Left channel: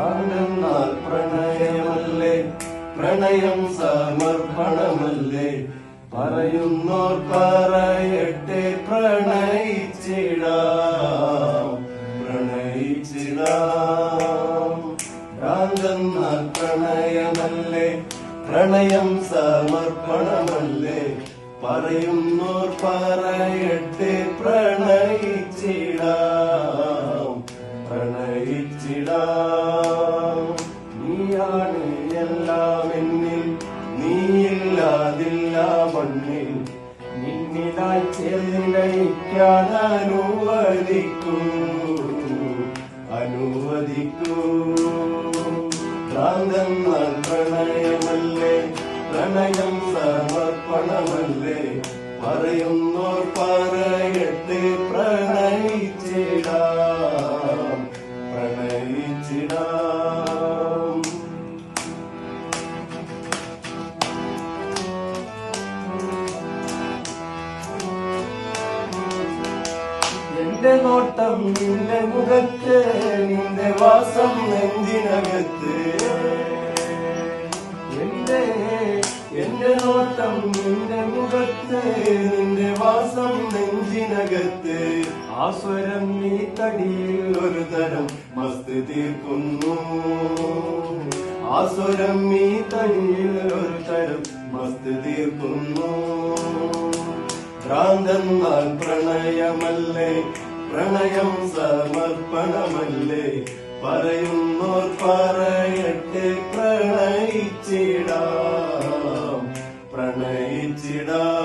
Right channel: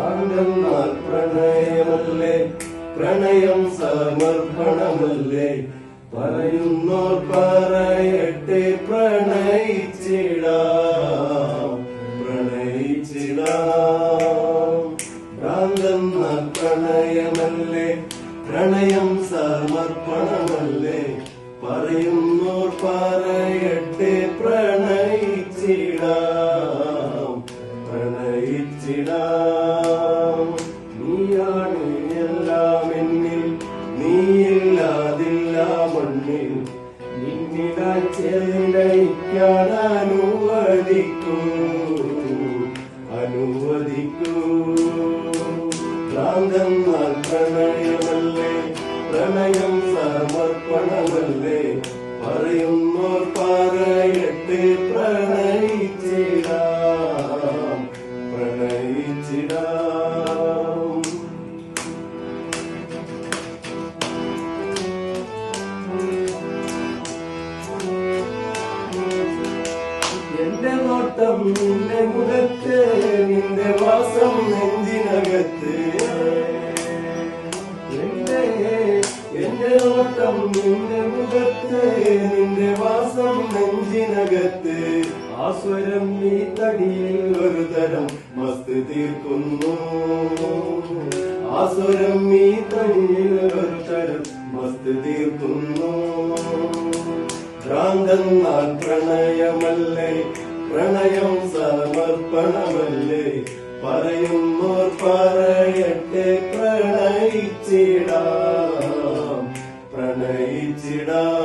ഭ്രാന്തെന്നാൽ പ്രണയമല്ലേ, പ്രണയം സമർപ്പണമല്ലേ, പറയുന്നോർ പറയട്ടെ പ്രണയിച്ചിടാം, പ്രണയിച്ചിടാം. ഭ്രാന്തെന്നാൽ പ്രണയമല്ലേ, പ്രണയം സമർപ്പണമല്ലേ, പറയുന്നോർ പറയട്ടെ പ്രണയിച്ചിടാം, പ്രണയിച്ചിടാം. നീയാണ് എല്ലാം എന്നിൽ, നീയില്ലാതില്ല മണ്ണിൽ, നിന്നിലായി ചേർന്നയിക്കാൻ അനുവദിക്കൂ, അനുവദിക്കൂ. ഭ്രാന്തെന്നാൽ പ്രണയമല്ലേ, പ്രണയം സമർപ്പണമല്ലേ, പറയുന്നോർ പറയട്ടെ പ്രണയിച്ചിടാം, പ്രണയിച്ചിടാം. എന്റെ നോട്ടം നിന്റെ മുഖത്ത്, നിന്റെ വാസം നെഞ്ചിനകത്ത്. എന്റെ നോട്ടം നിന്റെ മുഖത്ത്, നിന്റെ വാസം നെഞ്ചിനകത്ത്. ആസ്വരം നീ തടിയിൽ ഒരു തരം മസ്ത് തീർക്കുന്നു, ആസുരം നീ തടിയിൽ ഒരു തരം മസ്ത് തീർക്കുന്നു. ഭ്രാന്തെന്നാൽ പ്രണയമല്ലേ, പ്രണയം സമർപ്പണമല്ലേ, പറയുന്നോർ പറയട്ടെ പ്രണയിച്ചിടാം, പ്രണയിച്ചിടാം.